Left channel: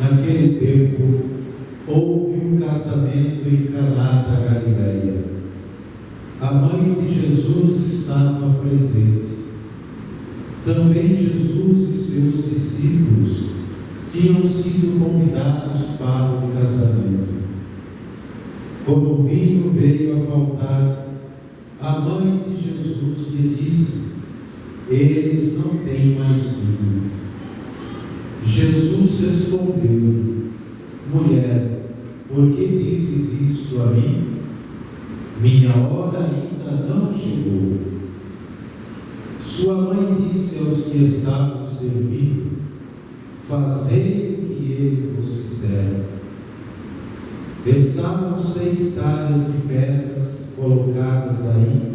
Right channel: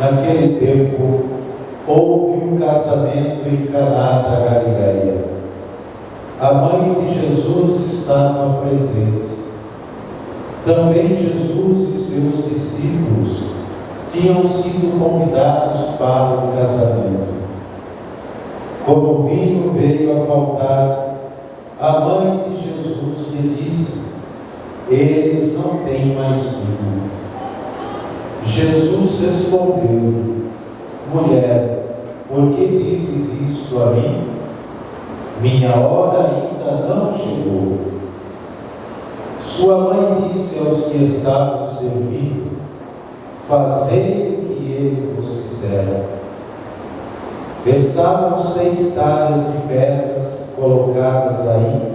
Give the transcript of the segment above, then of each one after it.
Naquele tempo, houve um casamento em Caná da Galileia. A mãe de Jesus estava presente. Também Jesus e seus discípulos tinham sido convidados para o casamento. Quando o vinho veio a faltar, a mãe de Jesus lhe disse: eles não têm mais vinho. Jesus respondeu: mulher, por que dizes isto a mim? Minha hora ainda não chegou. Sua mãe disse aos que estavam servindo: fazei o que ele vos disser. Estavam 6 talhas de pedras colocadas aí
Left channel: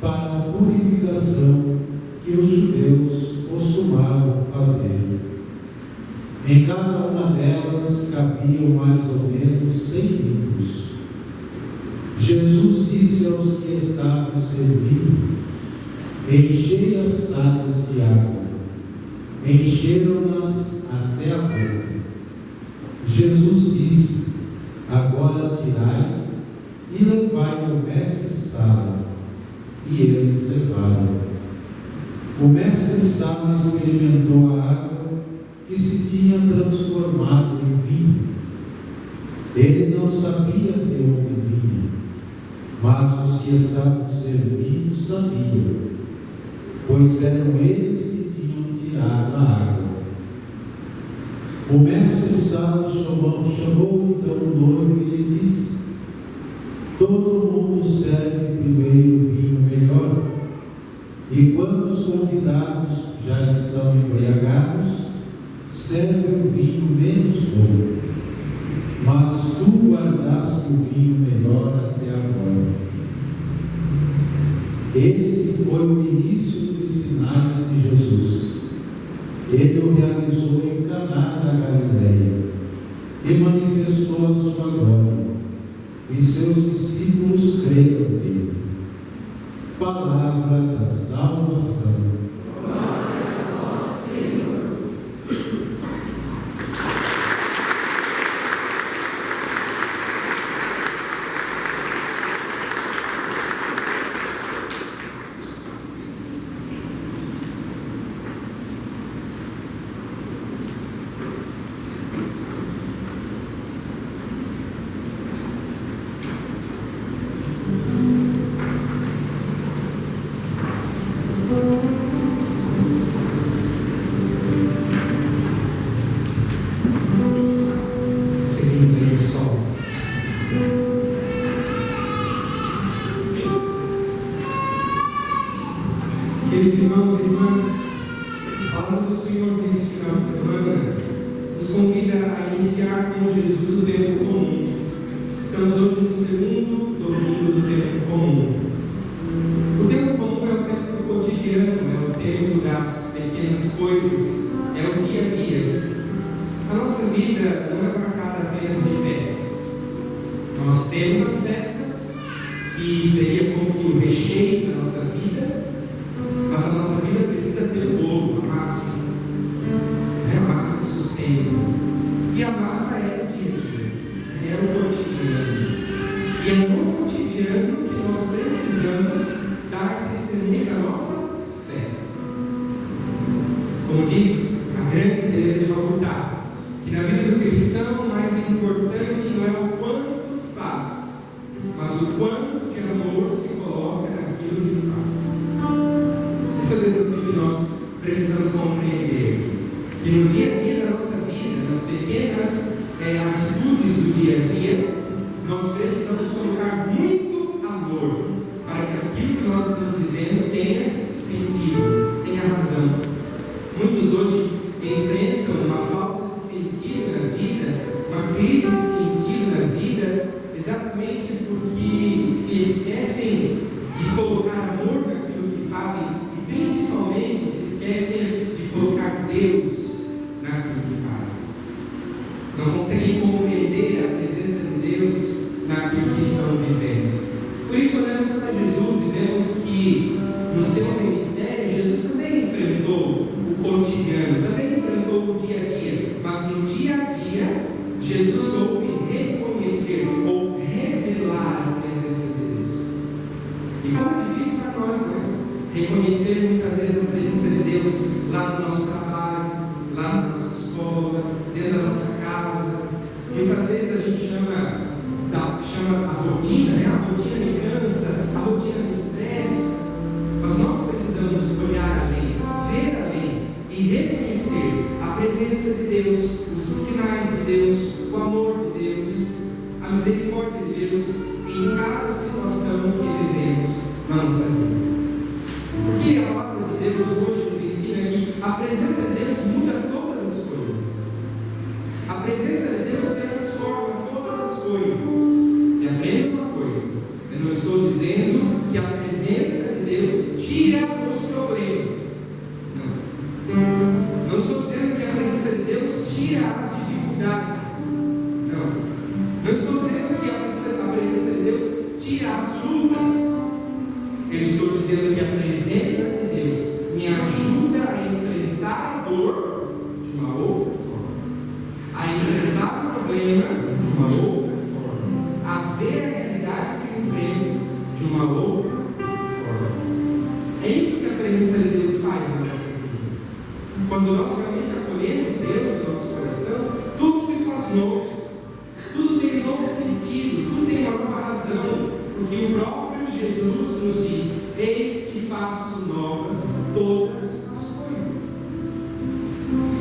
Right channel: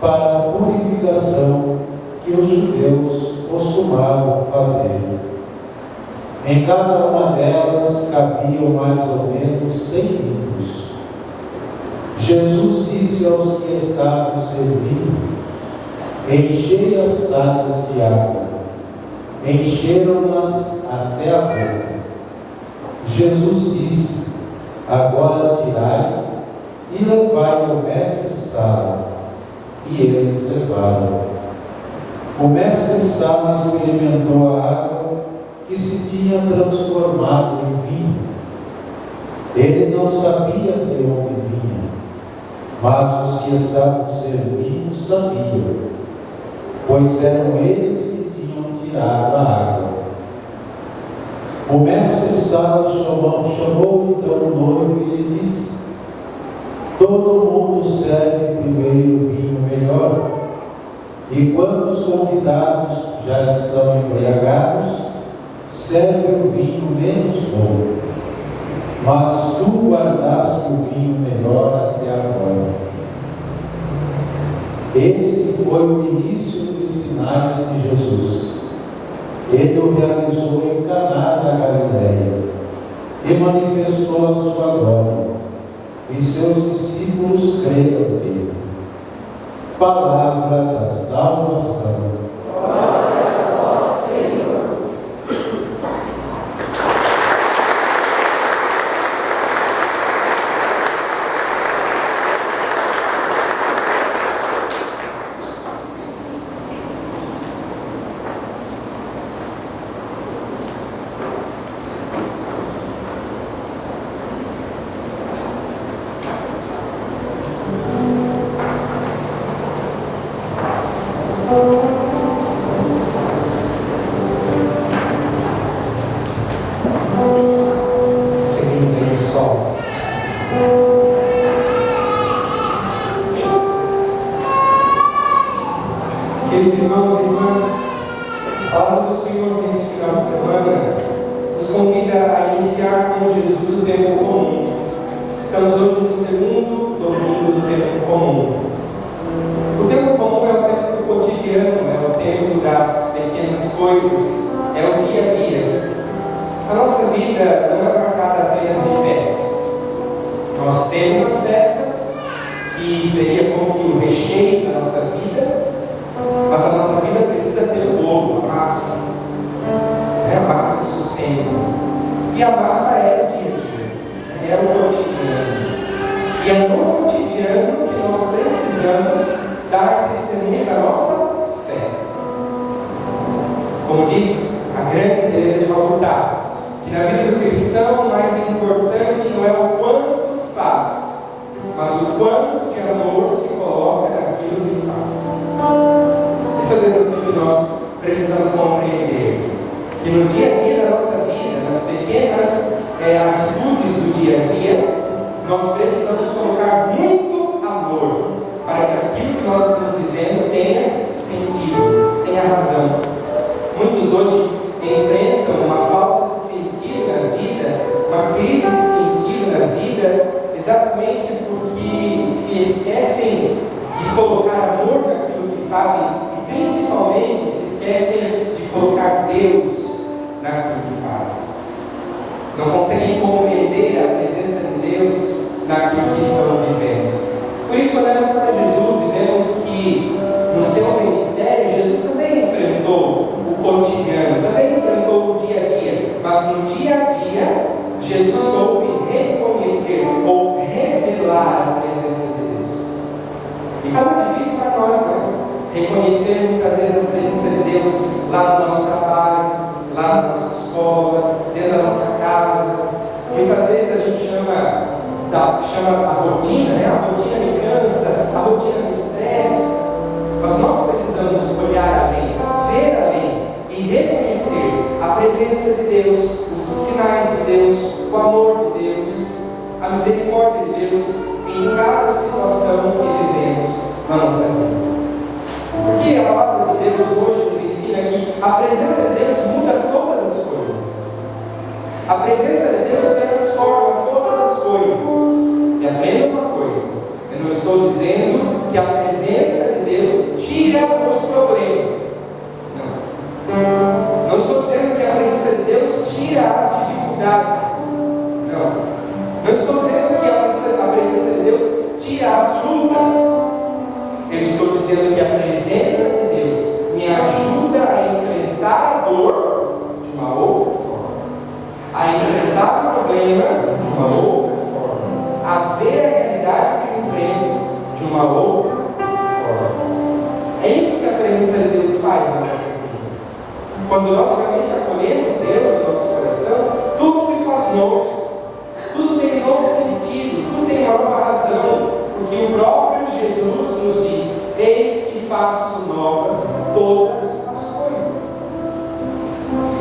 para a purificação que os judeus costumavam fazer. Em cada uma delas cabiam mais ou menos 100 litros. Jesus disse aos que estavam servindo: enchei as talhas de água. Encheram-nas até a boca. Jesus disse: agora tirai e levai ao mestre-sala. E eles levaram. O mestre-sala experimentou a água que se tinha transformado em vinho. Ele não sabia de onde vinha, mas os que estavam servindo sabiam, pois eram eles que tinham tirado a água. O mestre-sala chamou então o noivo e lhe disse: todo mundo serve primeiro o vinho melhor, e quando os convidados já estão embriagados, serve o vinho menos bom. Mas tu guardaste o vinho melhor até agora. Este foi o início dos sinais de Jesus. Ele o realizou em Caná da Galileia e manifestou a sua glória, e seus discípulos creram nele. Palavra da salvação. Queridos irmãos e irmãs, a palavra do Senhor nesse final de semana nos convida a iniciar com Jesus o tempo comum. Estamos hoje no segundo domingo do tempo comum. O tempo comum é o tempo do cotidiano, é o tempo das pequenas coisas, é o dia a dia. A nossa vida não é marcada apenas de festas. Nós temos as festas, que seria como que o recheio da nossa vida, mas a nossa vida precisa ter o bolo, a massa. A massa que sustenta. E a massa é o dia a dia, é o cotidiano. E é no cotidiano que nós precisamos dar testemunho da nossa fé. Como diz a grande Teresa de Calcutá, que na vida do cristão o mais importante não é o quanto faz, mas o quanto de amor se coloca naquilo que faz. Esse é o desafio que nós precisamos compreender, que no dia a dia da nossa vida, nas pequenas atitudes do dia a dia, nós precisamos colocar muito amor para que aquilo que nós estamos vivendo tenha sentido, tenha razão. Muitos hoje enfrentam uma falta de sentido na vida, uma crise de sentido na vida, exatamente porque se esquecem de colocar amor naquilo que fazem, principalmente se esquecem de colocar Deus naquilo que fazem. Não conseguem compreender a presença de Deus naquilo que estão vivendo. Por isso olhamos para Jesus e vemos que no seu ministério Jesus também enfrentou o cotidiano, também enfrentou o dia a dia, mas Mas no dia a dia, Jesus soube reconhecer ou revelar a presença de Deus. E como é difícil para nós, né? Reconhecer muitas vezes a presença de Deus lá no nosso trabalho, lá na nossa escola, dentro da nossa casa. Muitas vezes a gente chama a rotina, né? A rotina me cansa, a rotina me estressa. Mas nós precisamos olhar além, ver além e reconhecer a presença de Deus, os sinais de Deus, o amor de Deus, a misericórdia de Deus em cada situação que vivemos na nossa vida. Porque a palavra de Deus hoje nos ensina que a presença de Deus muda todas as coisas. A presença de Deus transforma todas as coisas. E aprenda uma coisa: eu não estou dizendo que a presença de Deus tira os problemas. Não. Não estou dizendo que a presença de Deus tira as dificuldades. Não. Não estou dizendo que a presença de Deus tira as lutas. Eu estou dizendo que a presença de Deus me ajuda a enfrentar a dor de uma outra forma, a enfrentar o problema de uma outra forma, a ver a realidade que eu enfrento de uma outra forma. É isso que a presença de Deus faz na nossa vida. Quando nós realmente acolhemos Deus no nosso coração, tudo se faz novo, tudo tem um novo sentido, tudo tem uma nova razão, porque o próprio Jesus nos diz: eis que faço novas todas as coisas.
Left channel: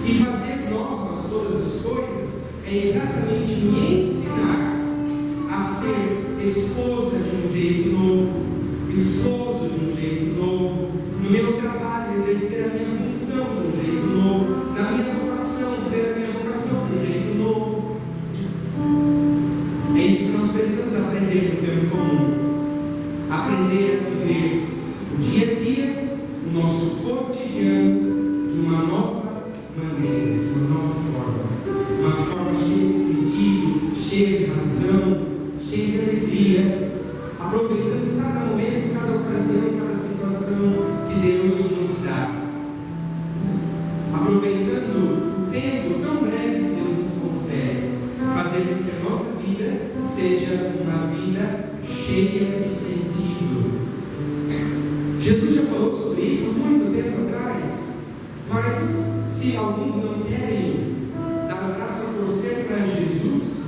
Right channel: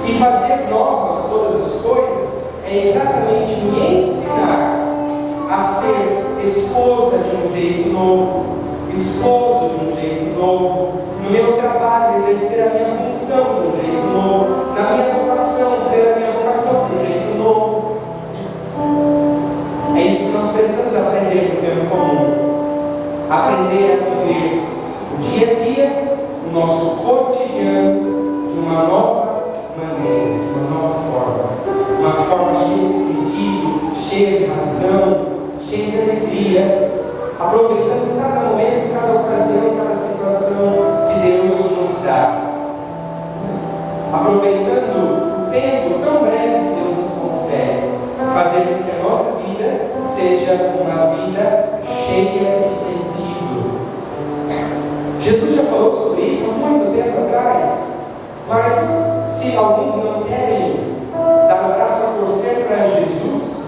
E fazer novas todas as coisas é exatamente me ensinar a ser esposa de um jeito novo, esposo de um jeito novo, no meu trabalho exercer a minha função de um jeito novo, na minha vocação ver a minha vocação de um jeito novo. É isso que nós precisamos aprender no tempo comum. Aprender a viver o dia a dia, o nosso cotidiano, de uma nova maneira, de uma nova forma. Uma forma cheia de sentido, cheia de razão, cheia de alegria, aproveitando cada momento, cada ocasião, cada situação que Deus nos dá. Aproveitando o tempo tão breve que Deus nos concede, fazer com que a nossa vida seja uma vida cheia de sentido. Jesus já falou sobre isso há muito tempo atrás, mas se alguns não querem dar o braço a torcer para Jesus,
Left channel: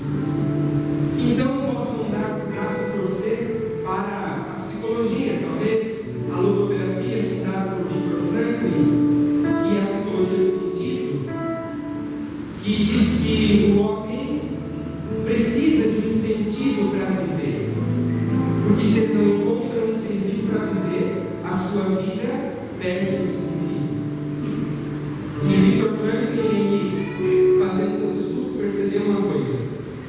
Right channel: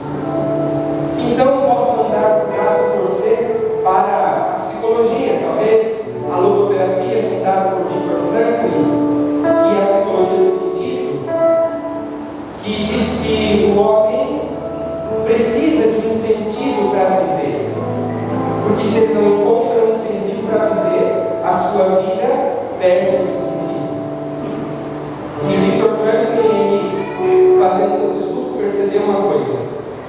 então possam dar o braço a torcer para a psicologia, talvez a logoterapia fundada por Viktor Frankl, que é a psicologia do sentido, que diz que o homem precisa de um sentido para viver, porque se ele não encontra um sentido para viver, a sua vida perde o sentido. E Viktor Frankl, ele, fazendo seus estudos, percebeu uma coisa:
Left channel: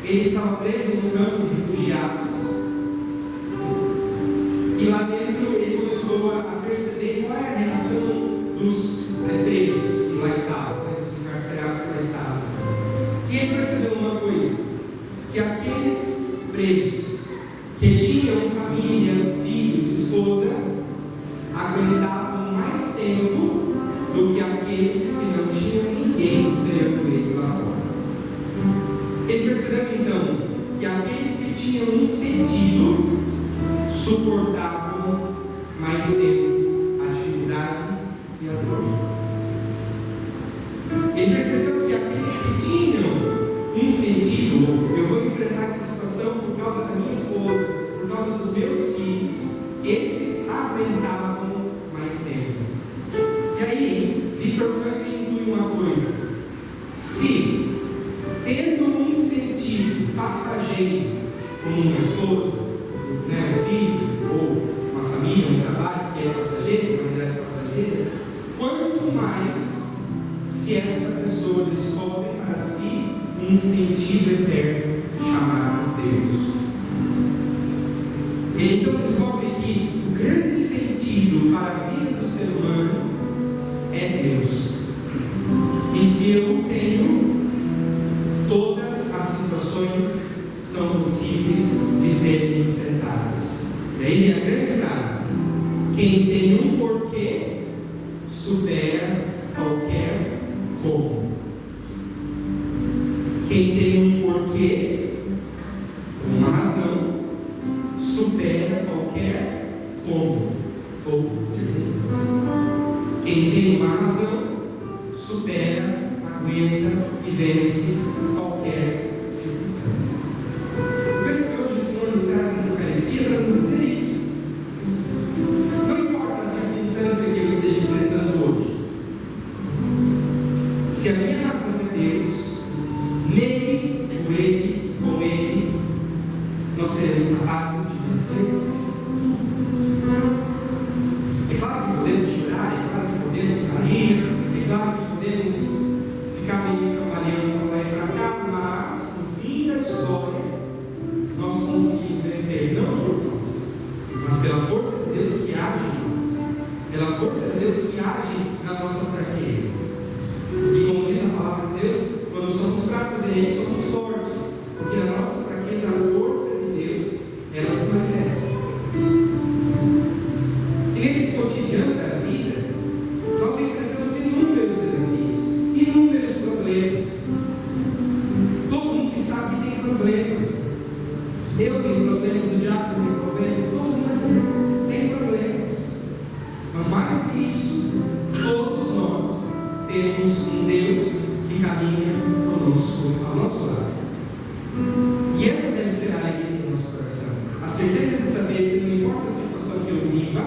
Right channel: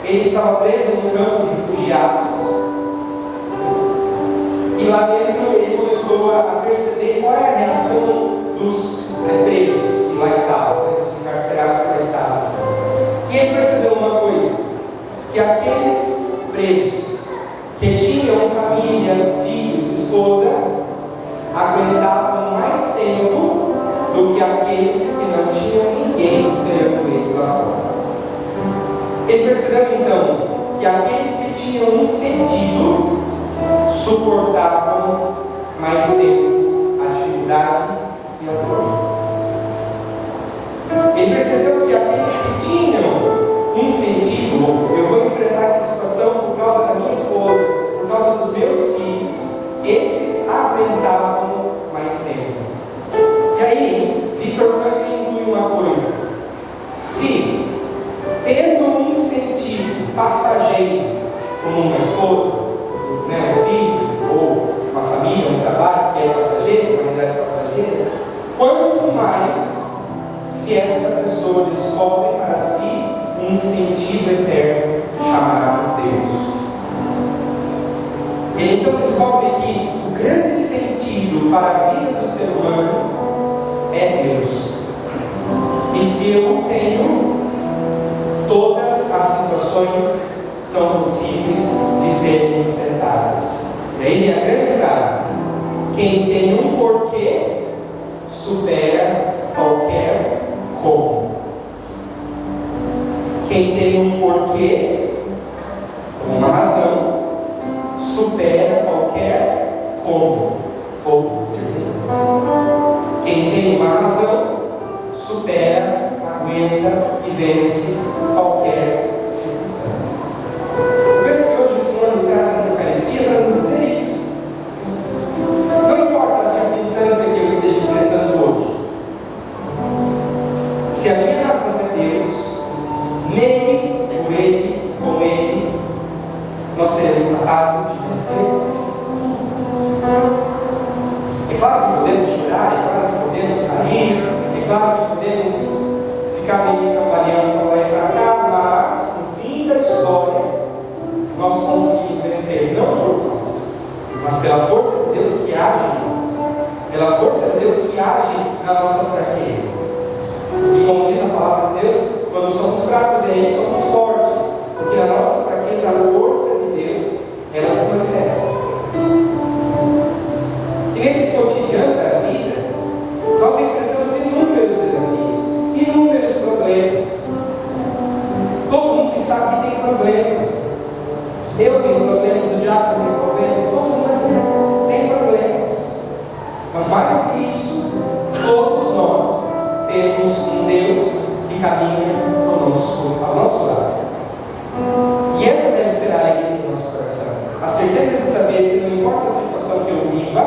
ele estava preso num campo de refugiados, e lá dentro ele começou a perceber qual é a reação dos presos que lá estavam, dos encarcerados que lá estavam. E ele percebeu uma coisa: que aqueles presos que tinham família, filhos, esposa, aguentavam mais tempo do que aqueles que não tinham ninguém esperando eles lá fora. Ele percebeu então que aqueles que tinham um sentido suportavam mais tempo a dificuldade e a dor. Ele percebeu que aqueles que tinham um sentido, eu vou enfrentar essa situação por causa da minha esposa, por causa dos meus filhos, esses aguentavam mais tempo. E aí, Viktor Frankl intui uma coisa: se, tendo um sentido passageiro, como uma esposa, um filho, ou uma família, um trabalho que é passageiro, uma realidade passageira, quanto mais se essa pessoa descobre para si um sentido eterno chamado Deus. Ele então descobre que o grande sentido para a vida do ser humano é Deus. E se eu o tenho, todas as situações são possíveis de serem enfrentadas. E aí vem a grande frase: quem tem um porquê supera qualquer como. Quem tem um porquê, uma razão, supera qualquer como ou circunstância. Quem tem uma razão, supera, aguenta e vence qualquer circunstância. O verso que hoje o Senhor nos traz essa Eucaristia para nos dizer isso. Não importa a circunstância que eu esteja enfrentando hoje, se a minha razão é Deus, nele, por Ele, com Ele, nós seremos capazes de vencer. É claro que podemos chorar, é claro que podemos sair, é claro que podemos ficar meio cambaleando para lá e para cá, mas no fim da história nós conseguimos vencer, não por nós, mas pela força de Deus que age em nós, pela força de Deus que age na nossa fraqueza. E como diz a palavra de Deus, quando somos fracos e aí somos fortes, porque na nossa fraqueza a força de Deus ela se manifesta. E nesse cotidiano da vida, nós enfrentamos inúmeros desafios, inúmeros problemas. Todo mundo que sabe que tem problema. Eu tenho problemas, o diabo tem problemas, todo mundo aqui tem problemas. Mas mais do que isso, todos nós temos um Deus que caminha conosco, ao nosso lado. E essa deve ser a alegria do nosso coração. A certeza de saber que não importa a situação que eu viva,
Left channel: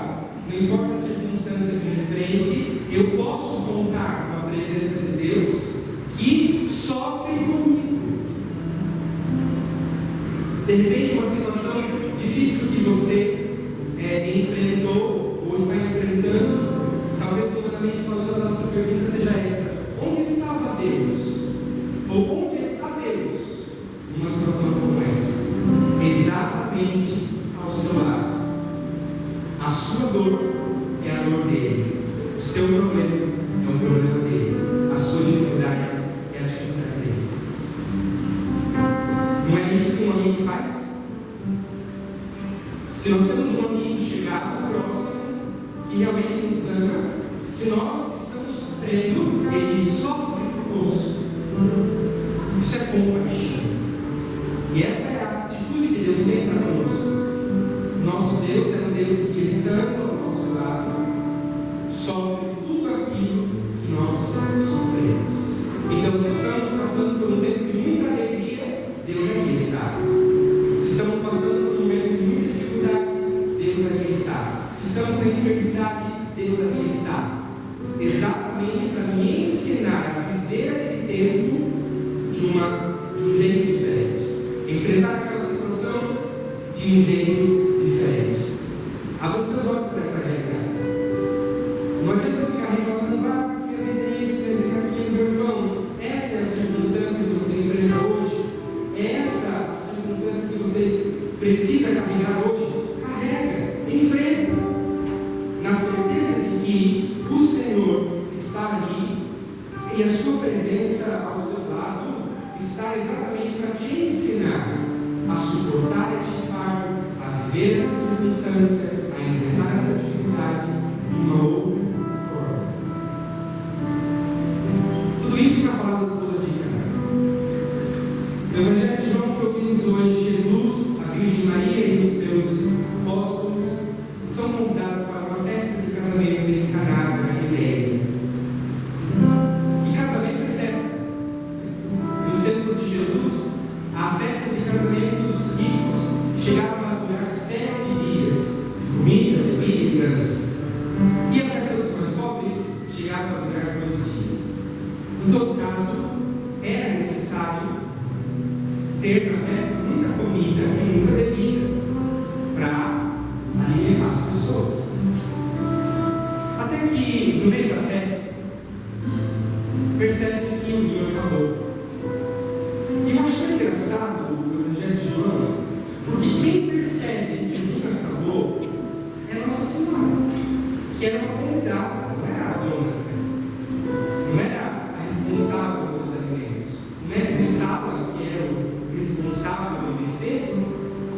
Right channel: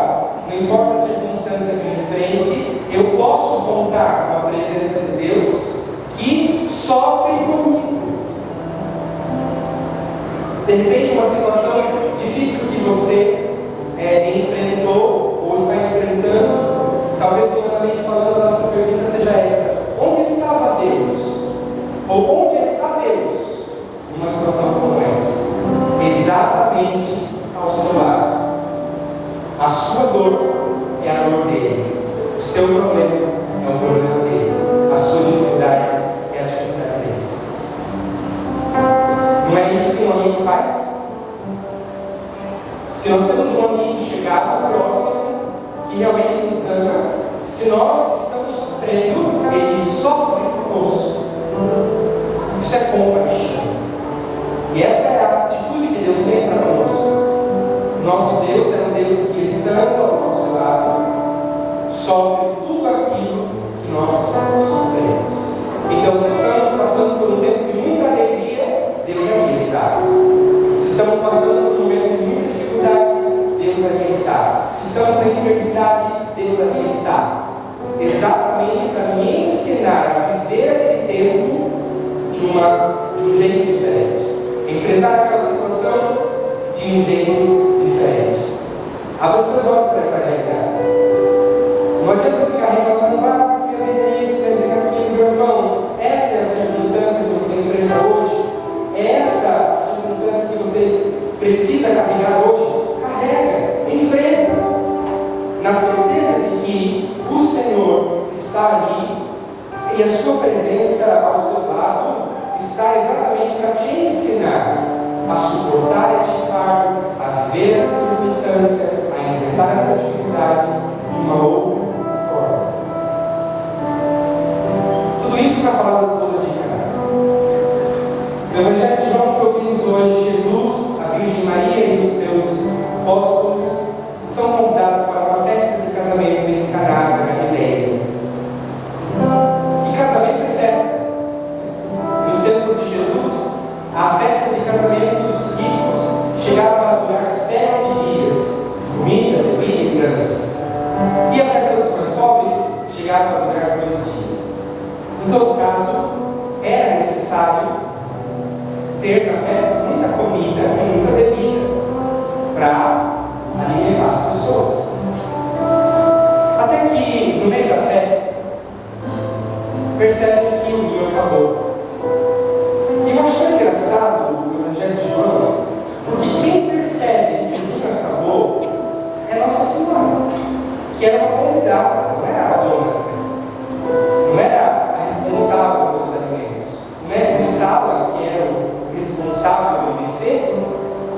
não importa a circunstância que eu enfrente, eu posso contar com a presença de Deus que sofre comigo. De repente, uma situação difícil que você enfrentou ou está enfrentando, talvez humanamente falando, a nossa pergunta seja essa: onde estava Deus? Ou onde está Deus numa situação como essa? Exatamente ao seu lado. A sua dor é a dor dele. O seu problema é o problema dele. A sua dificuldade é a dificuldade dele. Não é isso que um amigo faz? Se nós temos um amigo chegado, próximo, que realmente nos ama, se nós estamos sofrendo, ele sofre conosco. Isso é compaixão. E essa é a atitude que Deus tem para conosco. Nosso Deus é um Deus que, estando ao nosso lado, sofre tudo aquilo que nós sofremos. Então, se estamos passando por um tempo de muita alegria, Deus aqui está. Se estamos passando por um momento de muita dificuldade, Deus aqui está. Se estamos em enfermidade, Deus aqui está. Exatamente para me ensinar a viver aquele tempo de um jeito diferente. Enfrentar aquela situação de um jeito diferente. Abra os seus olhos para essa realidade. Não adianta ficar reclamando, porque eu tenho isso, eu tenho aquilo, meu irmão. Essa é a circunstância que você enfrenta hoje. Essa é a circunstância que você precisa carregar hoje. Carrega, enfrenta, na certeza de que o Senhor está ali e a sua presença ao seu lado está exatamente para te ensinar a suportar este fardo, a viver essa circunstância, a enfrentar essa dificuldade de uma outra forma. Tudo isso para falar das bodas de Caná. No Evangelho de João que ouvimos hoje, Jesus, a Virgem Maria e os seus apóstolos são convidados para uma festa de casamento em Caná da Galileia. E casamento é festa. Nos tempos de Jesus, a festa de casamento dos ricos chegava a durar 7 dias, comida, bebida e dança. E a festa dos mais pobres chegava a durar 2 dias. Em todo caso, era necessário ter na festa muita comida e muita bebida para alimentar as pessoas. Até que, no meio da festa, percebe que o vinho acabou. E eu acho engraçado o Evangelho de João, porque quem percebe que o vinho acabou é Nossa Senhora, que era uma convidada, não era a dona da festa, não era a responsável pelos alimentos. O mestre Sala, que era o responsável pelo buffet,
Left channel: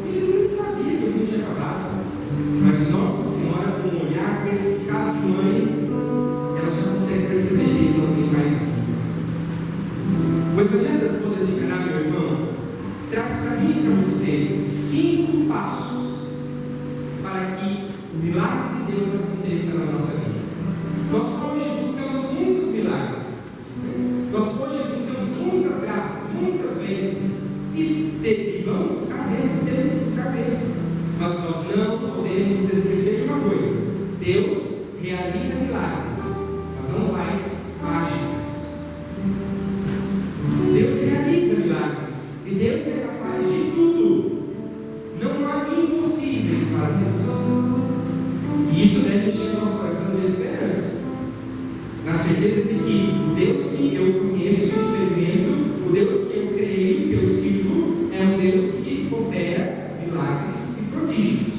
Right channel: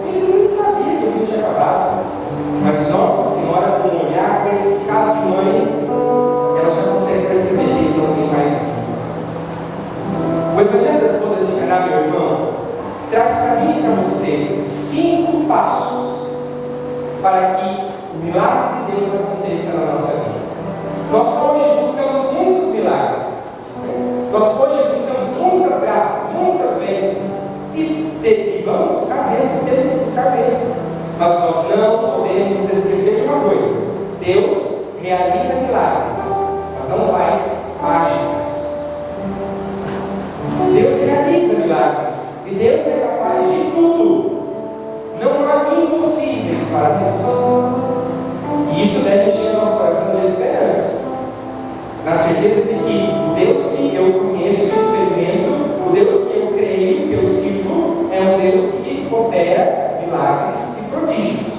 ele nem sabia que o vinho tinha acabado. Mas Nossa Senhora, com um olhar perspicaz de mãe, ela já consegue perceber que eles não têm mais vinho. O Evangelho das Bodas coisas de enganar, meu irmão, traz para mim e para você 5 passos para que o milagre de Deus aconteça na nossa vida. Nós hoje buscamos muitos milagres. Nós hoje buscamos muitas graças, muitas bênçãos. E vamos buscar bênçãos, temos que buscar bênçãos. Mas nós não podemos esquecer de uma coisa: Deus realiza milagres, mas não faz mágicas. Deus realiza milagres e Deus é capaz de tudo. Não há impossíveis para Deus. E isso deve encher nosso coração de esperança, na certeza de que o Deus que eu conheço e experimento, o Deus que eu creio, que eu sirvo, é um Deus que opera milagres e prodígios.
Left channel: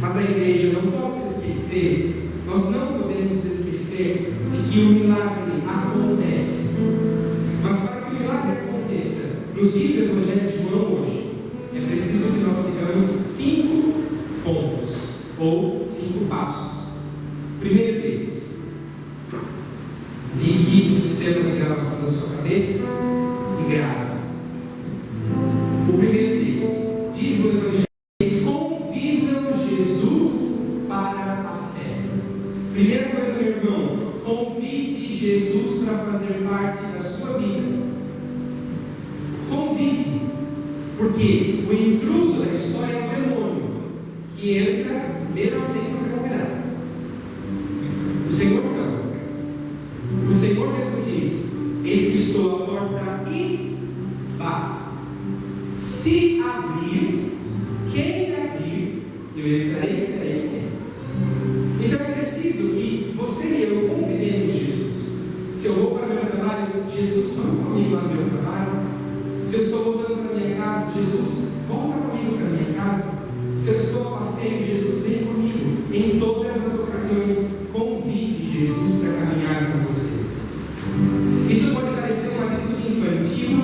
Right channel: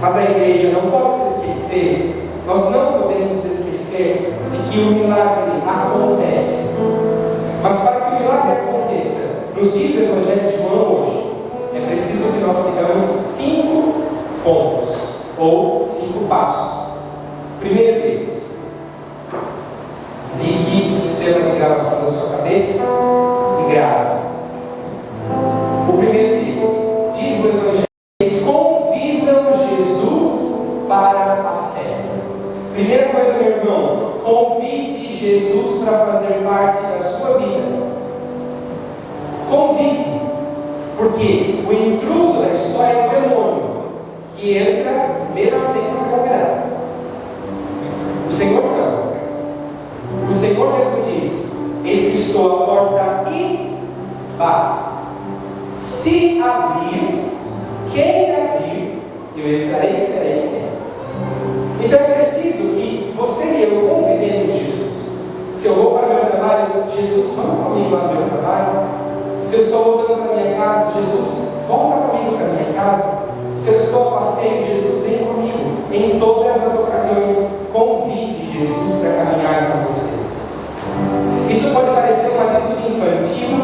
Mas a igreja não pode se esquecer, nós não podemos esquecer de que o milagre acontece. Mas para que o milagre aconteça, nos diz o Evangelho de João hoje, é preciso que nós sigamos 5 pontos, ou 5 passos. Primeiro deles, ligue o sistema de gravação da sua cabeça e grave. O primeiro deles, diz o Evangelho, eles convidam Jesus para a festa. Primeira coisa, meu irmão, convide Jesus para fazer parte da sua vida. Convide, porque o intruso da história é o demônio, que entra mesmo sem você convidar. O Senhor não. O Senhor mesmo diz: eis que estou à porta e bato. Se abrir, quem abrir, eu entrarei e serei quem. Então é preciso que você e eu convidemos Jesus. Se eu vou para o meu trabalho, Jesus, vamos comigo lá no meu trabalho. Se eu estou voltando para a minha casa, Jesus, volta comigo para a minha casa. Se eu estou a passeio, Jesus, vem comigo. Em todas as ocasiões, convide Jesus para caminhar com você. Isso pode parecer uma atitude infantil,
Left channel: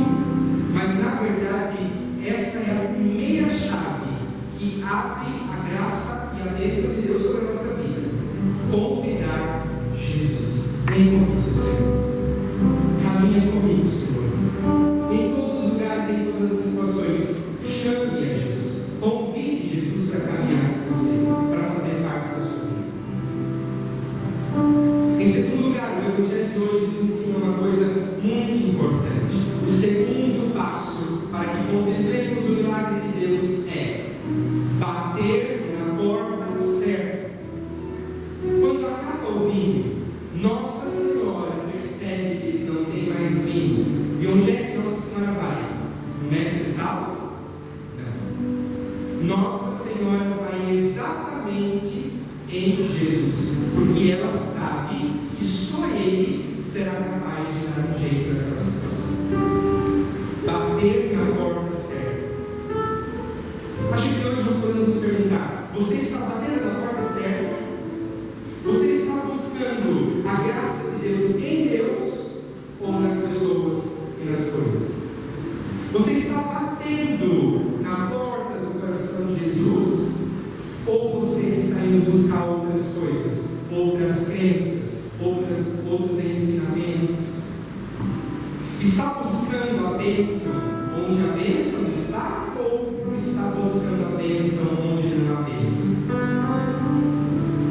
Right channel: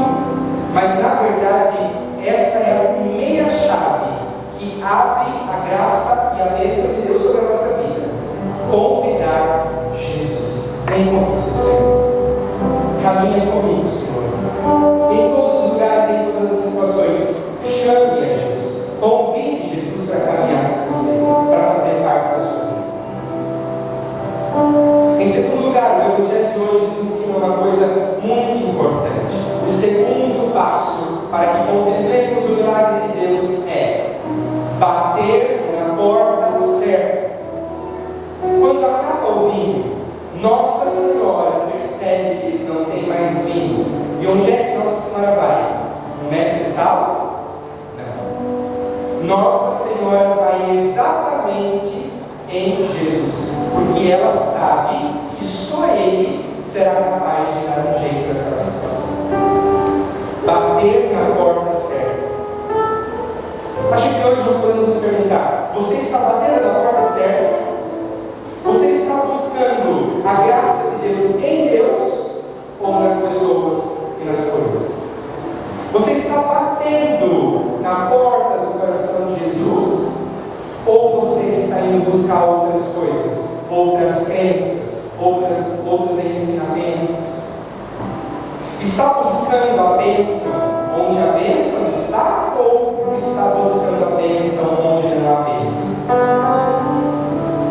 mas na verdade, essa é a primeira chave que abre a graça e a bênção de Deus sobre a nossa vida. Convidar Jesus. Vem comigo, Senhor. Caminha comigo, Senhor. Em todos os lugares, em todas as situações, chame a Jesus. Convide Jesus para caminhar com você, para fazer parte da sua vida. Em segundo lugar, o Evangelho de hoje nos ensina uma coisa muito importante. O segundo passo para que contemplemos o milagre de Deus é bater na porta certa. Quando acaba o vinho, Nossa Senhora percebe que eles não têm mais vinho. E onde é que Nossa Senhora vai? No mestre sala? Não. Nossa Senhora vai exatamente em Jesus, porque ela sabe que só Ele será capaz de dar um jeito naquela situação. Bater na porta certa. Acho que hoje nós podemos nos perguntar: você está batendo na porta certa? Você está buscando a graça de Deus em Deus ou nas pessoas e nas coisas? Você está batendo na porta do coração de Jesus ou você está indo buscar outras coisas, outras crenças, outros ensinamentos? Está buscando a bênção onde a bênção está ou está buscando a bênção onde não há bênção?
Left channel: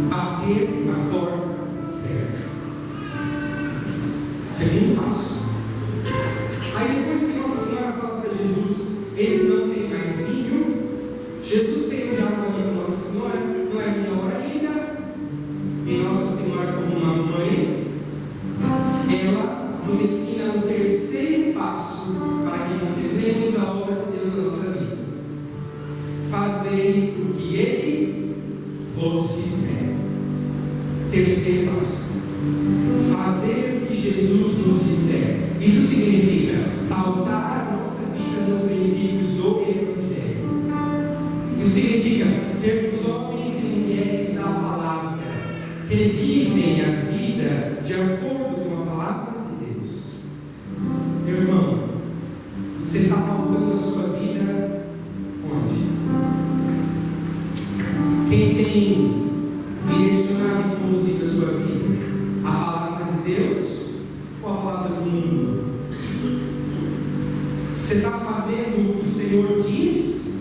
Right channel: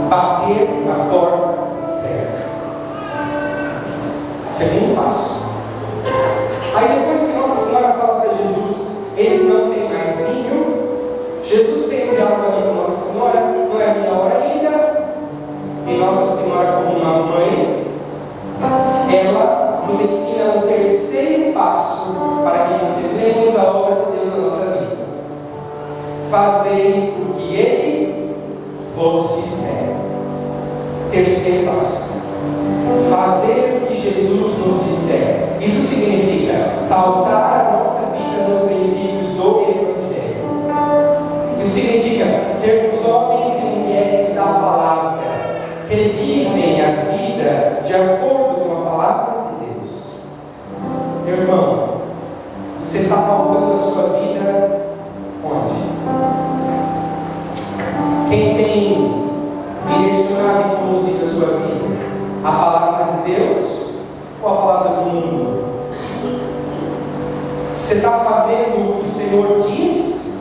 Bater na porta certa. Segundo passo. Aí depois que Nossa Senhora fala para Jesus, eles não têm mais vinho, Jesus tem um diálogo ali com Nossa Senhora, não é a minha hora ainda, e Nossa Senhora, como uma mãe, ela nos ensina o terceiro passo para que contemplemos a obra de Deus na nossa vida. Fazei o que Ele vos disser. Terceiro passo. Fazer o que Jesus nos disser. Isso significa pautar a nossa vida nos princípios do Evangelho. Isso significa sermos homens e mulheres da palavra, que vivem a vida de acordo com a palavra de Deus. Meu irmão, você está pautando a sua vida onde? Quem tem direcionado e conduzido a sua vida? A palavra de Deus ou a palavra do mundo? Você está fazendo o que o Senhor diz?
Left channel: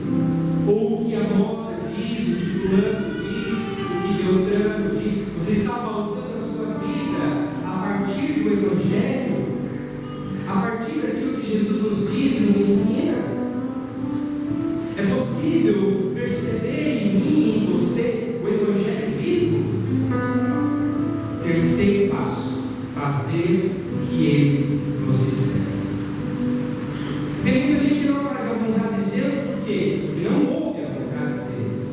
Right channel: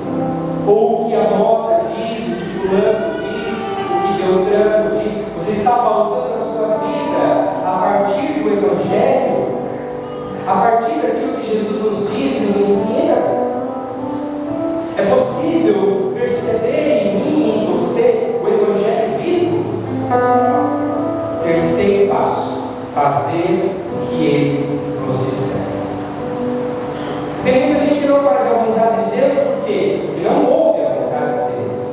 Ou o que a moda diz, o que fulano diz, o que Beltrano diz? Você está pautando a sua vida a partir do Evangelho? A partir daquilo que Jesus nos diz, nos ensina? É possível perceber em mim e em você o Evangelho vivo? Terceiro passo: fazer o que Ele nos disser. Tem muita gente que não faz a vontade de Deus, por quê? Porque não ouve a vontade de Deus.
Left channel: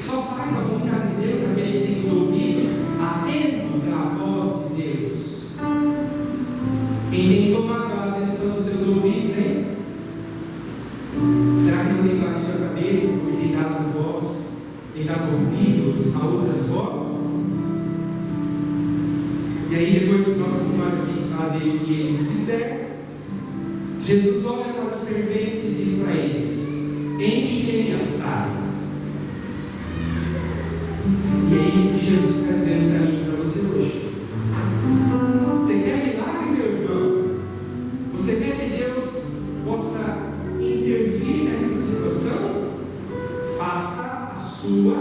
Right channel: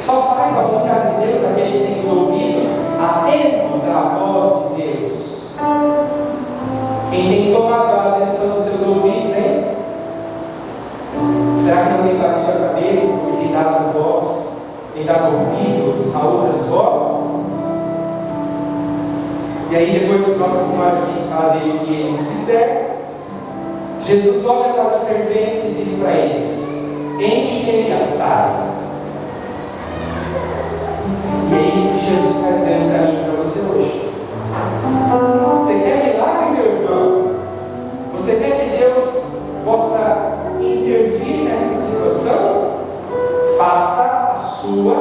Só faz a vontade de Deus aquele que tem os ouvidos atentos à voz de Deus. Quem tem tomado a atenção dos seus ouvidos, hein? Será que não tem batido a cabeça porque tem dado voz, tem dado ouvidos a outras vozes? E aí, depois que Nossa Senhora quis fazer o que Ele quiser, Jesus olha para os serventes e diz para eles: enchem as talhas. E é isso que Jesus está dizendo para mim e para você hoje. Você quer milagre, meu irmão? Você quer que Deus possa intervir nessa situação? Faça a sua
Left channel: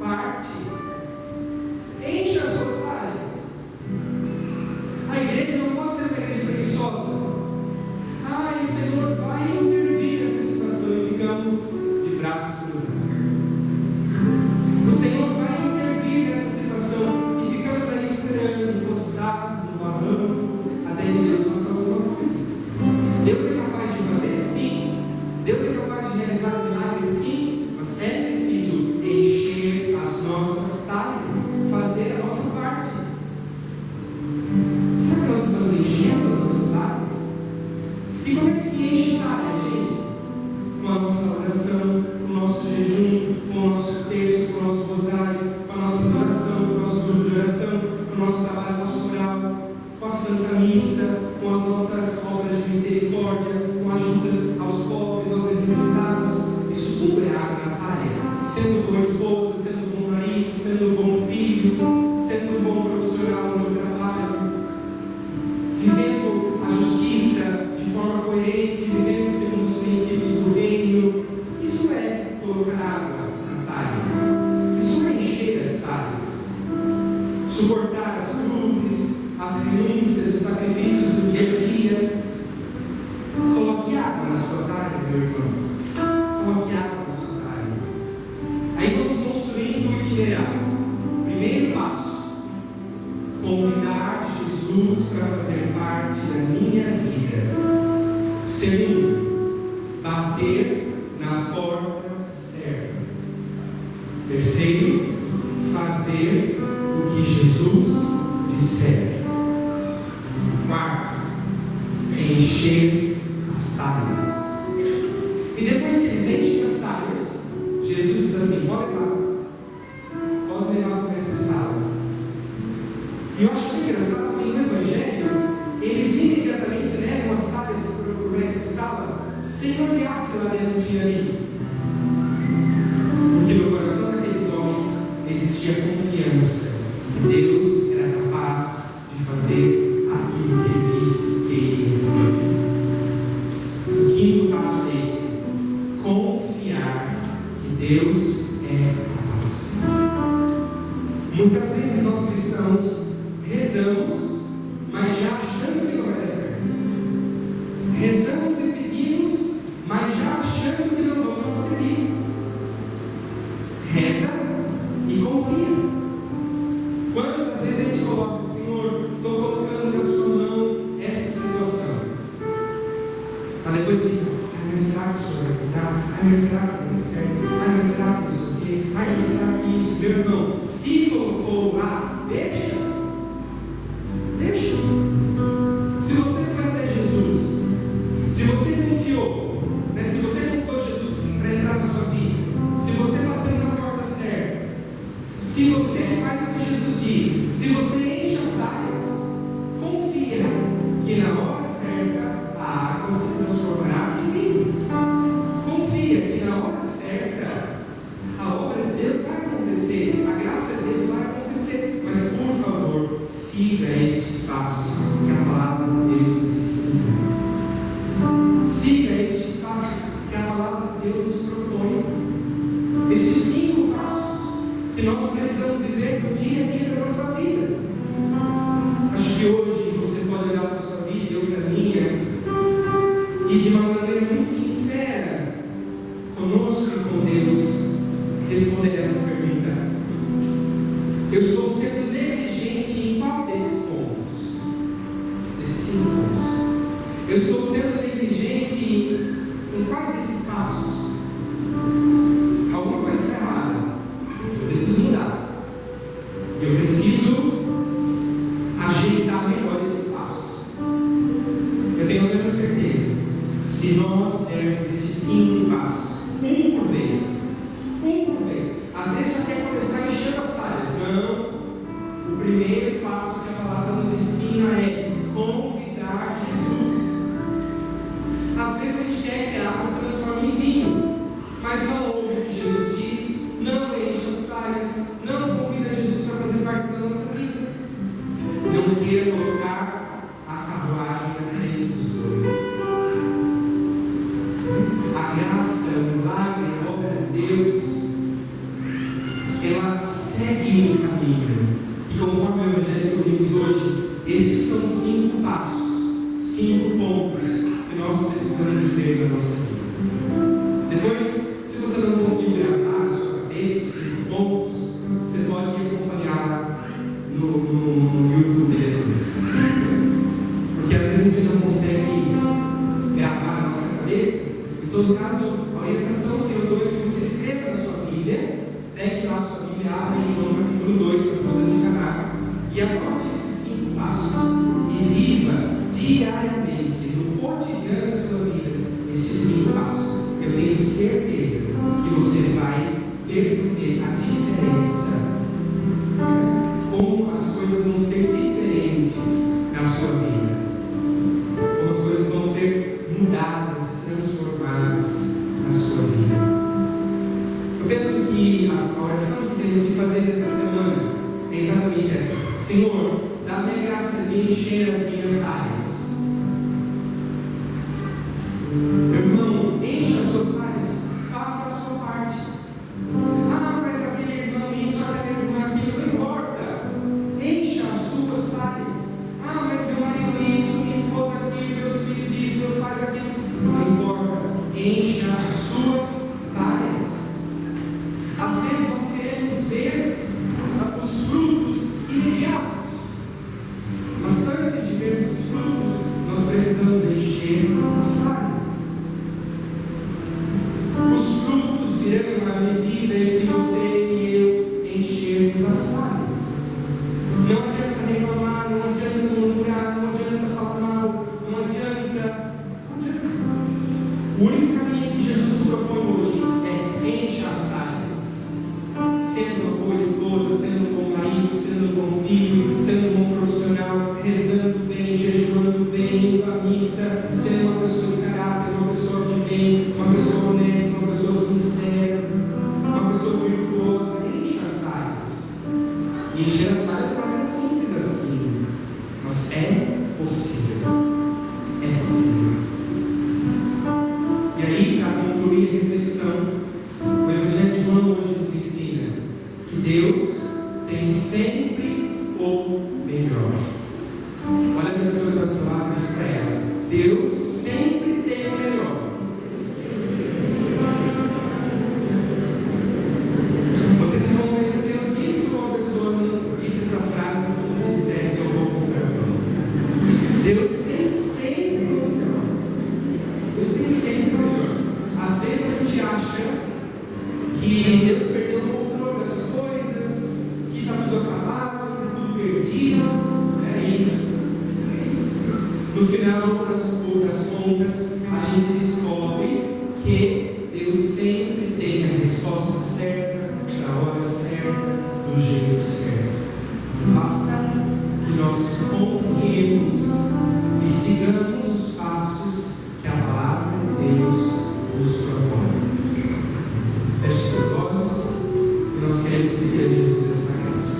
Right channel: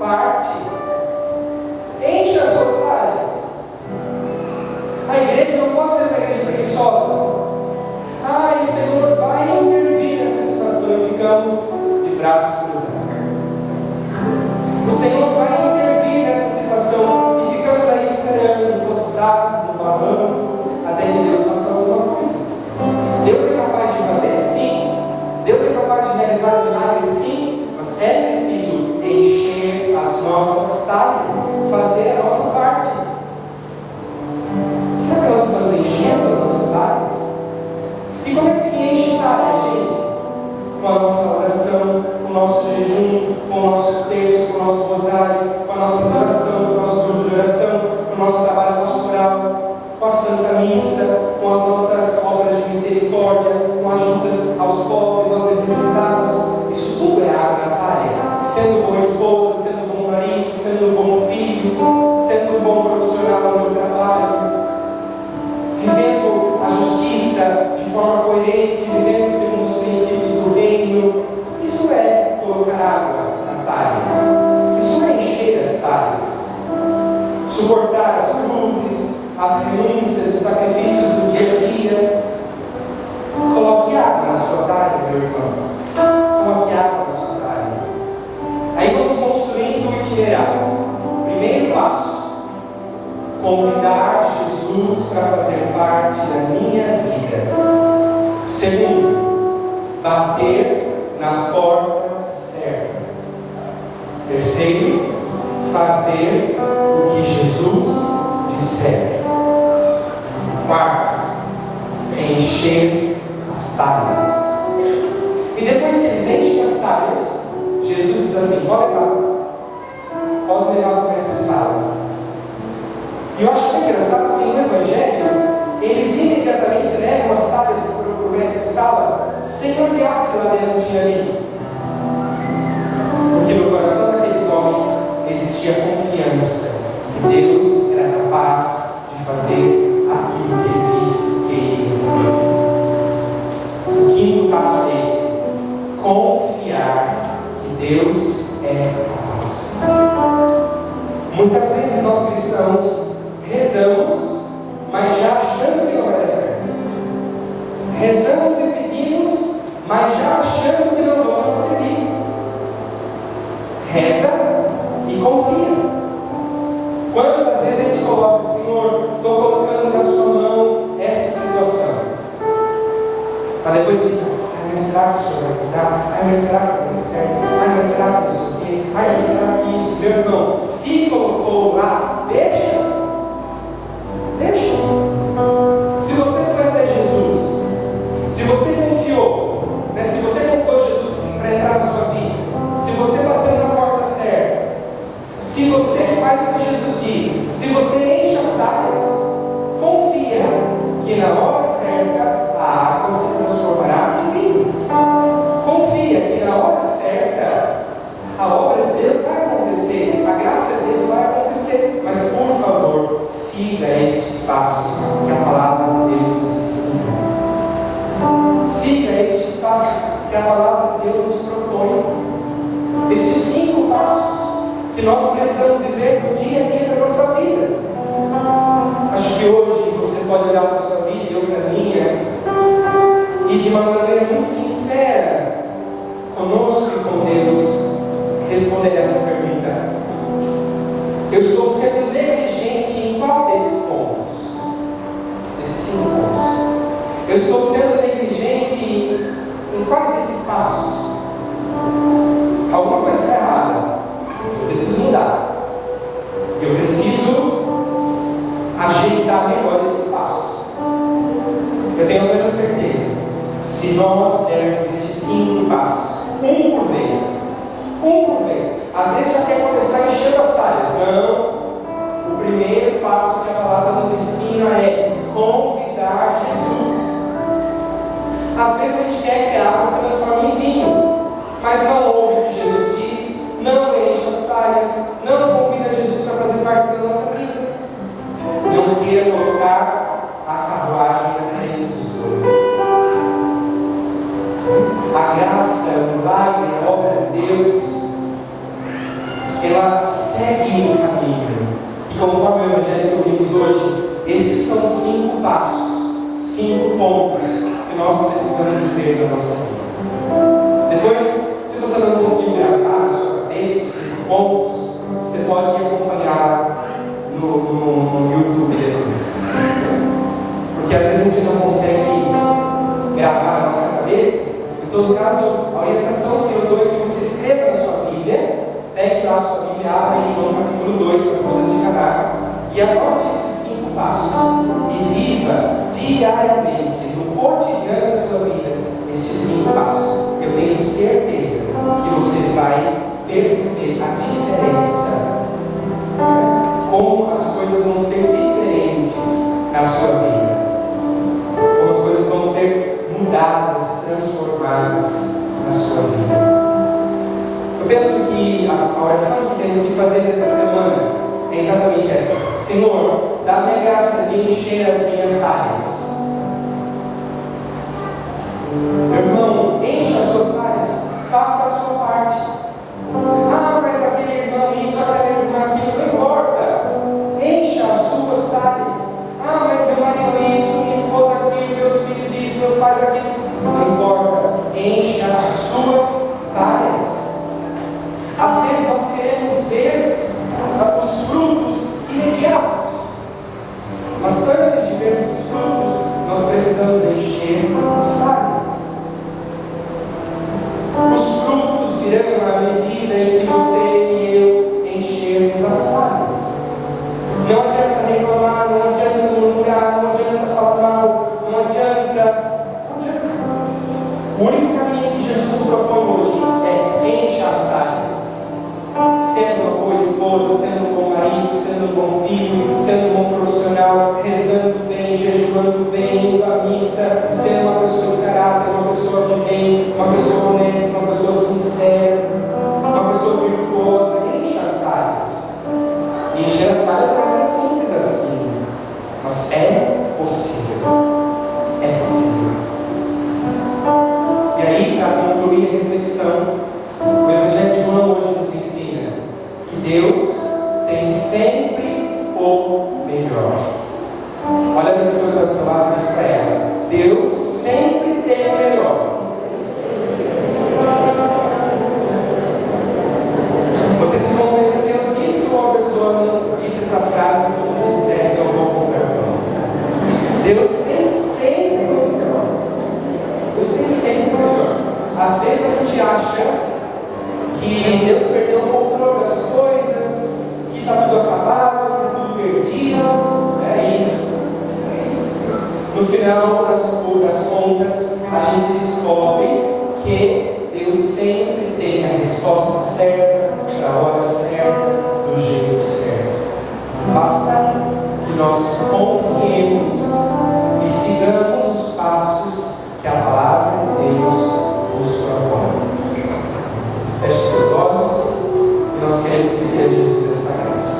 parte. Encha as suas talhas. A igreja não pode ser uma igreja preguiçosa. O Senhor vai intervir nessa situação e ficamos de braços cruzados. O Senhor vai intervir nessa situação e ficamos aí esperando, encostados no barranco, até que Deus faça alguma coisa. Deus é capaz de fazer? Sim. Deus é capaz de realizar milagres? Sim. Mas é preciso encher as nossas talhas, fazer a nossa parte. Será que nós estamos enchendo as nossas talhas? E como é que se enche talha, gente? Com a nossa oração, com o nosso jejum, com o nosso terço, com o nosso rosário, com a nossa adoração, com o nosso grupo de oração, com o nosso trabalho pastoral, com a Santa Missa, com as nossas obras de misericórdia, com a ajuda aos pobres, aos necessitados. Isso tudo é água na talha. Sendo boa esposa, sendo bom marido, sendo bom filho, sendo bom profissional onde eu trabalho, vivendo a justiça de forma coerente, vivendo segundo os princípios do reino. Isso é colocar água na talha. Isso é encher as talhas. Suportar as cruzes, as renúncias, os sacrifícios do dia a dia. Coloque água na sua talha, meu irmão. Coloque água na sua talha. Aí vamos construindo o itinerário. Primeiro passo: convidar Jesus para fazer parte da minha vida. Segundo, bater na porta certa. Terceiro, fazer o que Jesus disser. Quarto, encher as talhas. E depois que eles enchem as talhas, Jesus diz assim: pode levar para essa sala. E eu acho que é engraçado que no Evangelho eles imediatamente levam as talhas para o mestre de sala sem olhar se lá dentro tinha ali. Porque no coração daqueles homens existia confiança que Deus era capaz de fazer aquilo que Ele disse que Ele ia fazer. O quinto passo é esse: confiar que Deus é capaz. Muitas vezes nós cristãos rezamos, mas já achando que não vai dar certo. Rezamos e pedimos, mas já achando que não vamos conseguir. Reza e confia. Quantas vezes a gente coloca: Senhor, estou colocando na sua mão essa situação. Mas depois fica: mas será que o Senhor vai cuidar? Mas será que vai dar certo? Mas será que isso aqui? Mas será que isso? Meu irmão, se colocou lá, deixa. Se você foi até Jesus, se você confiou, se você confiou Jesus para entrar na sua vida, se você bateu na porta certa, se você faz o que Jesus diz, se você enche as talhas, confia que na hora certa a água se transformará em vinho. Confia que na hora certa a obra de Deus vai acontecer, a graça de Deus vai acontecer. Mas por favor, siga estes passos que a palavra de Deus nos ensina. que a palavra de Deus nos propõe. Estes 5 passos que nós precisamos viver no dia a dia da nossa vida. Acho que hoje você pode olhar para a sua vida, eu para a minha, e de uma maneira muito sincera, conosco e com Deus, responder essa pergunta: eu estou sendo negligente em qual desses pontos? Desses 5 pontos. Eu estou sendo negligente em quais desses passos? Alguma coisa está errada. Eu preciso mudar. Eu preciso ajeitar melhor esses passos. Eu tenho a plena certeza, se nós dermos esses 5 passos, um por vez, às vezes já quer começar enchendo as talhas. Não. O primeiro passo que a palavra nos ensina é convidar Jesus. Às vezes a gente quer que a água se transforme em vinho, mas não ouve o que Jesus diz, não enche as talhas, não convida Jesus para fazer parte da nossa vida. Não queira colocar a carruagem na frente dos bois. A graça, o milagre, a obra de Deus, ela segue um caminho. E conforme o Evangelho que ouvimos hoje, estes são 5 passos, 5 pontos que nós precisamos ver na nossa vida. Depois, se você não conseguir gravar na sua cabeça os 5 pontos, você pode acompanhar no YouTube depois. Porque às vezes a gente não consegue gravar na nossa cabeça. Em todo caso, a orientação que eu dou é que você escreva na sua Bíblia, pegue lá a sua Bíblia, abra em João capítulo 2, as bodas de Caná, e anote esses 5 passos e viva diariamente, no cotidiano da sua vida, estes 5 passos. Eu tenho certeza que você vai perceber a diferença, como as coisas vão ser diferentes na sua vida, como as coisas vão ser mudadas, transformadas na sua vida. Eu penso que a oração que temos que fazer nesta semana é exatamente essa: Senhor, dá-me a graça de encher as minhas áreas. Meu irmão, encha as suas áreas, faça a sua parte. Ah, mas aquele irmão isso, aquela irmã aquilo, não importa. Encha as suas áreas. Ah, mas meu marido isso, minha esposa aquilo, meus filhos isso, meus pais aquilo. Não importa. Encha as suas áreas. Às vezes nós queremos ver os frutos imediatos, mas antes de vermos os frutos, nós precisamos encher as áreas. Os frutos virão à medida em que você e eu enchermos as áreas. Não adianta reclamar, não adianta murmurar, não adianta falar mal, não adianta. O único caminho que Jesus nos propõe hoje é encher as áreas. Sendo uma boa esposa, sendo um bom marido, sendo um bom filho, sendo um bom profissional, rezando bem, jejuando bem, indo à missa, sendo uma pessoa de caráter, uma pessoa de bem, uma pessoa honesta, uma pessoa sincera, uma pessoa virtuosa. Enche as áreas. E encher as áreas não é simples assim, mas é possível. É possível. E aí, para concluir a reflexão, o Evangelho de João hoje nos ensina que Deus tem sempre o melhor. Olha a pessoa que está do seu lado e diz para ela: Deus sempre tem o melhor. Vocês se vão conhecendo que se uma pessoa não disse essa frase como se dissesse eu vou comprar pão. Deus tem sempre o melhor. Deus tem sempre o melhor. Às vezes a gente acha que Deus perdeu o controle das coisas, que está tudo acabado, que está tudo perdido. No final das contas, a gente descobre que Deus sempre tem a resposta certa, para a hora certa, do jeito certo. Basta que nós confiemos e sigamos os passos que a palavra de Deus nos propõe. Feche seus olhos e nós queremos pedir a Jesus essa graça.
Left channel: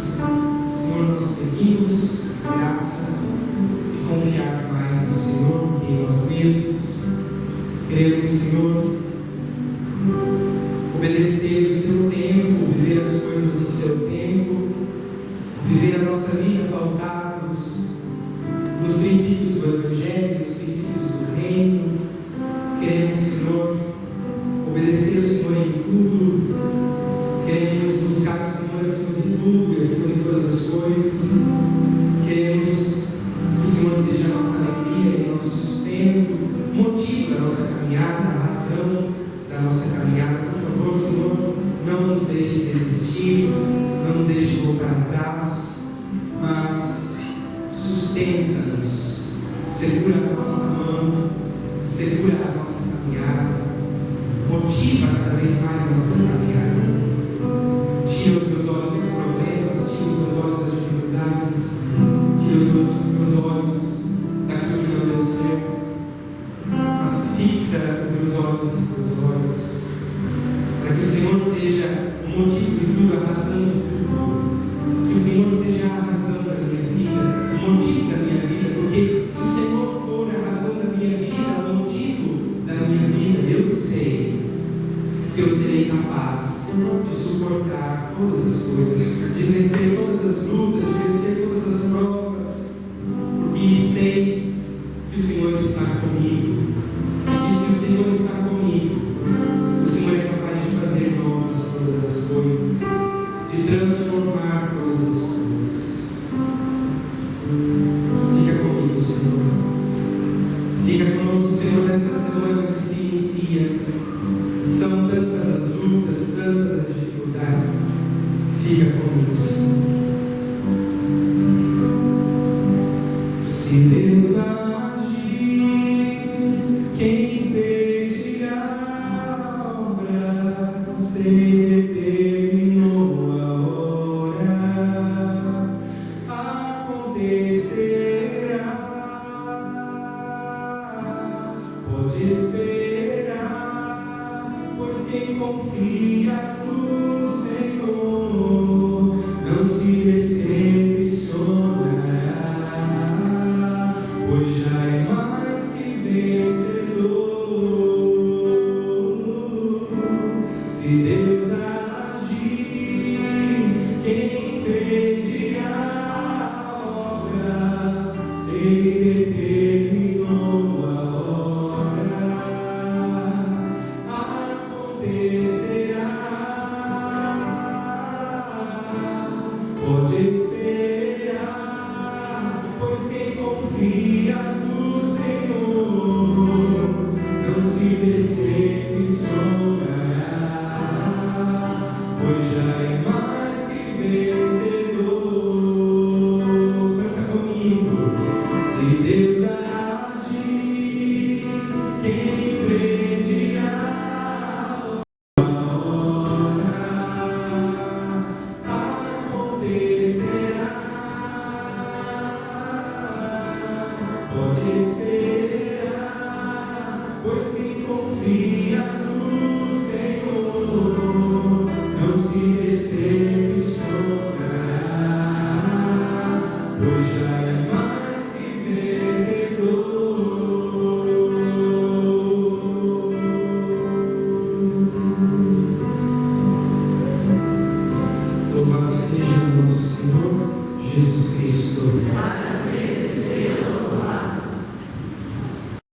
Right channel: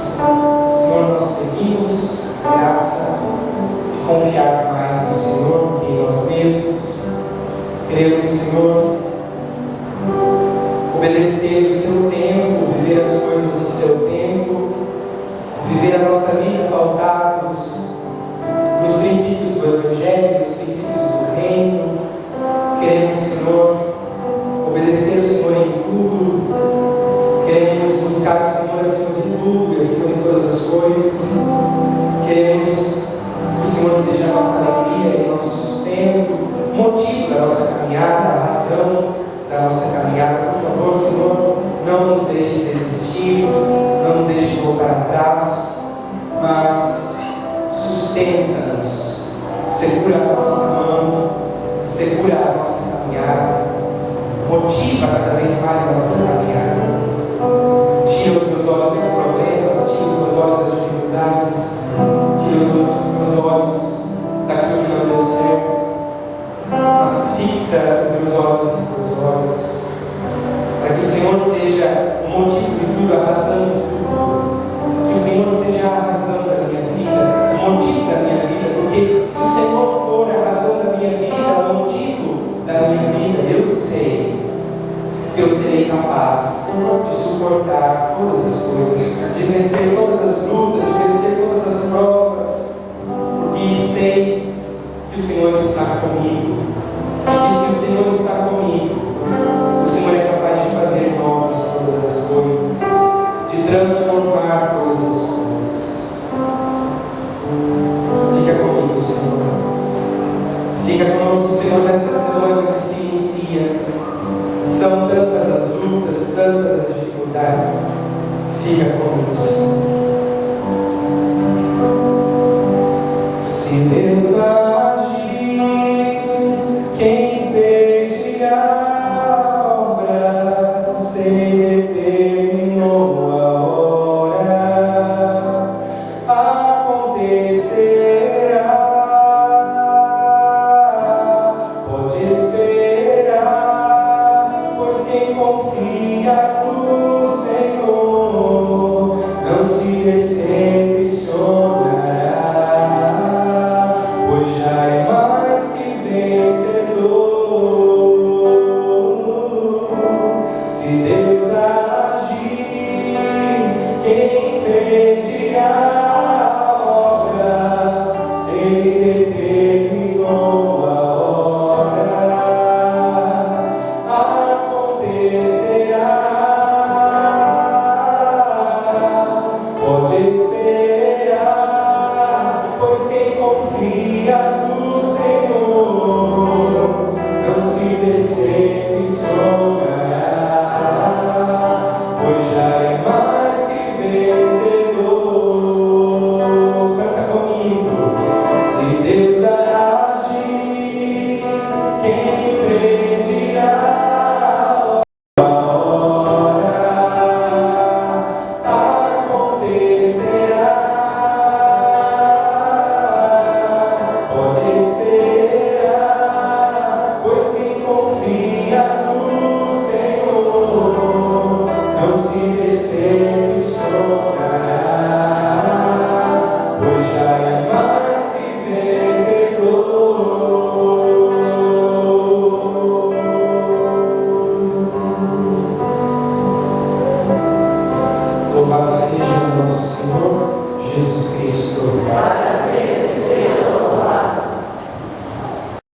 Senhor, nós pedimos graça de confiar mais no Senhor que em nós mesmos. Queremos, Senhor, obedecer o seu tempo, viver as coisas do seu tempo, viver a nossa vida pautados nos princípios do Evangelho, nos princípios do Reino. Queremos, Senhor, obedecer o Senhor em tudo. Queremos buscar o Senhor acima de tudo e acima de todas as coisas. Queremos que o Senhor seja a nossa alegria e nosso sustento, o motivo da nossa caminhada, a razão da nossa caminhada. Por favor, Senhor, não nos deixe desistir, não nos deixe voltar atrás, mas sustenta-nos, segura a nossa mão, segura a nossa caminhada, motiva cada vez mais a nossa caminhada. Tira os meus olhos dos problemas, tira os meus olhos das dificuldades, tira os meus olhos daquilo que não deu certo, mas fixa os meus olhos nos teus olhos, para que o Senhor seja o motivo de tudo, a razão de tudo, que o Senhor seja a razão da minha vida, o motivo da minha vida, porque se o Senhor for a razão da minha vida, o motivo da minha vida, eu sei que eu serei capaz de suportar todas as coisas, de vencer todas as lutas, de vencer todas as provas, porque sei que o Senhor está comigo, e se o Senhor está comigo, o Senhor é capaz de fazer novas todas as coisas, de transformar todas as coisas. Fica comigo, Senhor. Fica conosco, Senhor, nesta semana que se inicia. São tantas as lutas, tantas as dificuldades. Fica comigo, Senhor. Se Deus agir, quem